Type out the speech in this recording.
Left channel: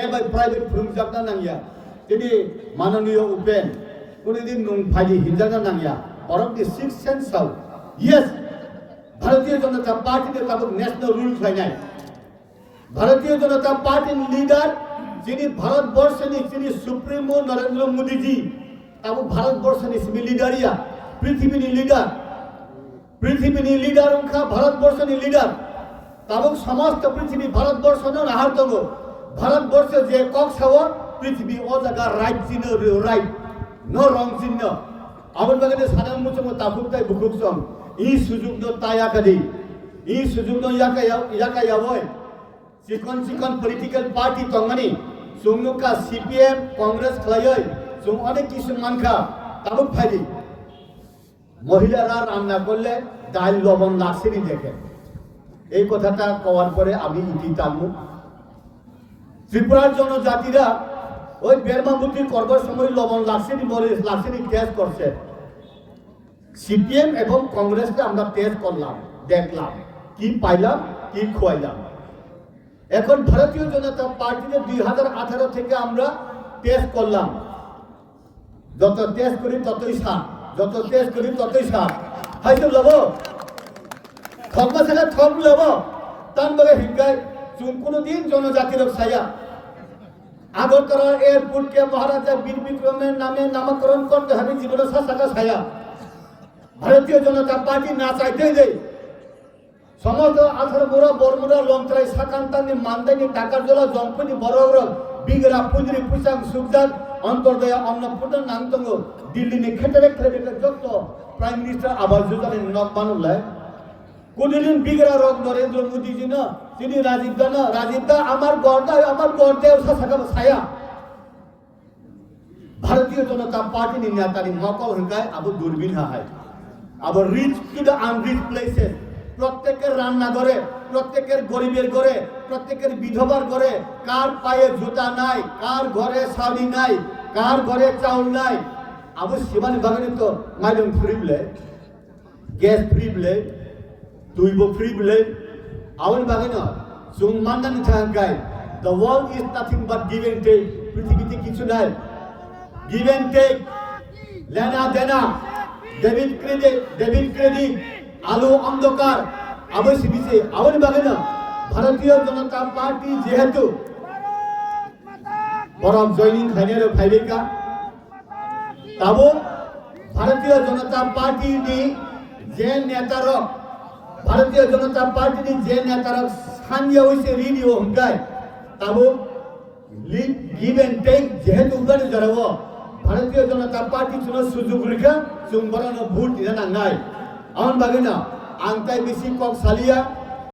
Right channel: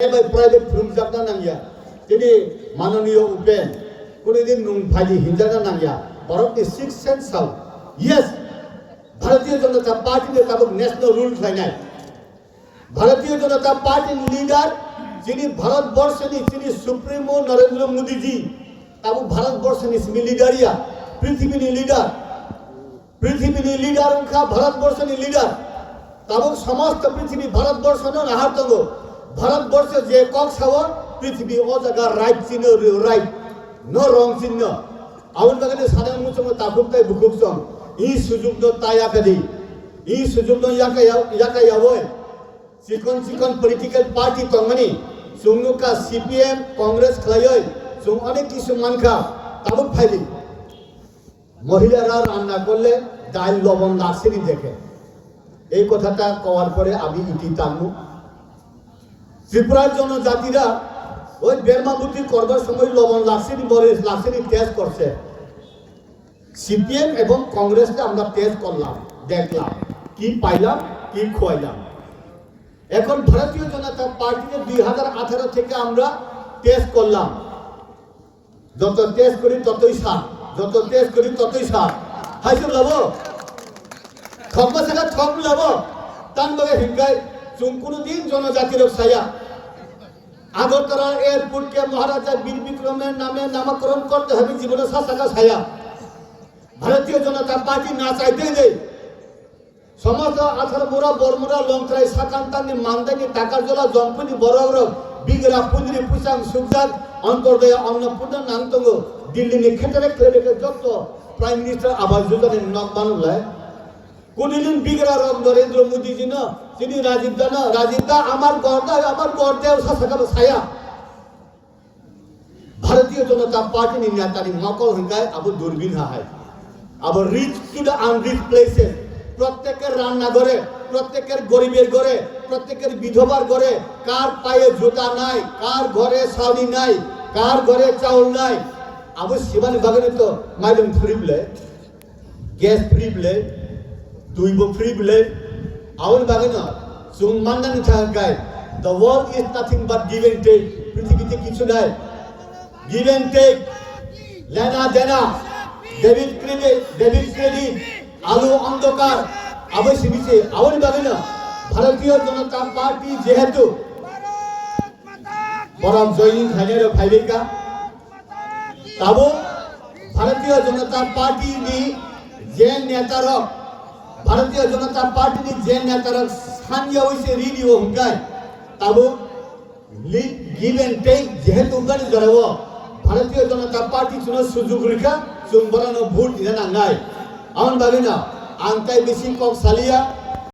private फुरुमजाबना Nangia दिनै माननीय उपेन कोनोदिन नंफालि हिंजाना नांगिया भारतनि six सेन्सआव yes Bharatiya Janata party Tabo national rule खालायनाय भारतीय जनता पार्टीनि लिडार যিনি ভারতবর্ষनि যিনি সুপ্রিমো নরেন্দ্র মোদী জি তাবো ভারতবর্ষनि सिमी लिडारिया पृथ्वीनि लिडार उनका भारतबर्षनि लिडार ताबो समस्त पृथ्वी भारतबर्ष न आहार दङ भारतबर्ष जे কক सावो पृथ्वी ओ जागा राइट चिन्ह राइट नो रंग चिन्ह आवन बागने साना मुसम ताफुकताय बुकुकसम इ सुजुग न तायाकदि इ सुजुग न याका यावय चिकन पॉलिटिकल पार्टी तंगनि जोंनुका सीपीएम कांग्रेस खलायै जों अनेक किसु मानखा ताबो फाइलि महिलारा रान्ना करले डाल लवण लागसेनि देखे এই কথাটা কওয়ার পরে আমি ইতি টানবো ত্রিপুরার জনজাতিরা ওই বেরমাবুতি করবার সময় লবণ লাগছেনি টেস্ট করছে সিপিএম এবং কংগ্রেসকে আমরা টেস্ট করলাম দেখলাম কি পাইলাম কি খোয়াইলাম এখন ভারতীয় জনতা পার্টিকে 2018 থেকে আমরা টেস্ট করলাম যত টেস্ট করি ততই সাত হাইছে লব খগমাসেলা ঠগ লব তান বগে হিংগাই जों কোনদিন জনজাতির ছায়া আগরতলা এয়ারপোর্টকে মহারাজা বীর বিক্রমের নামে নামকরণ করতে হবে জীবনের শাসকা ছায়া ভারতীয় জনতা পার্টি না চাইতে যে সমস্ত আথার মোরা বর্মরা লংত্রাই সাকান্তানি মানদানি টাকার জলা জম্পনি বড়গ্র বিগরা পুঞ্জরি পুসাং সুকজাত অন্তর্দয় অন্নপূর্ণ নান্তঙ্গ দিল্লিনি ক্ষেত্রে খেলেবে যত প্রাইম মিনিস্টার আবাস যোজনার নক বানুলায় কোনদিন বিগরা রব নরেন্দ্র মোদী জি না তিনি রাজীবদা আমার গর্দাও শাসকা ছায়া ভারতীয় জনতা পার্টি नि नेतानि मकल हंगाय अब दूरबीन हाय अब রিচ টু দ্য আনরিচ প্লেসেস প্রত্যেকের রান্না ঘরে প্রত্যেকের গরিবের ঘরে প্রত্যেকের বিধবার ঘরে কার পায়ে জুতা নাই কার ঘরে শাড়ি নাই কার ঘরে চাউল নাই अब শিবানী ভাগনে তো মাইলম ফ্রি বলে গ্যাস ফ্রি বলে দুইবো ফ্রি বলে आवन बागेना जों माननानै थांगाय the world is nothing but give and take পৃথিবীতে কিছু নাই give and take লেনা দেনা ডেবিট ক্রেডিট আলো অন্ধকার অবশ্যই आवन बागेना ভারতীয় জনতা পার্টি যেহেতু পরম জয়িন খাইনের ফাইলিকা তাবো ভারতীয় জনতা পার্টি নি যে নেতারক भारतीय जनता पार्टी जे नेतारक स्थानीय होइसे ऋणी हंगाय ताबो गिव एंड टेक जेहेतु उगाने जरावो भारतीय जनता पार्टी जुनो सुजुग रिखा जों बरानो भोट दिना नांनाय आन बागिना आंताय बेसि कक सालिया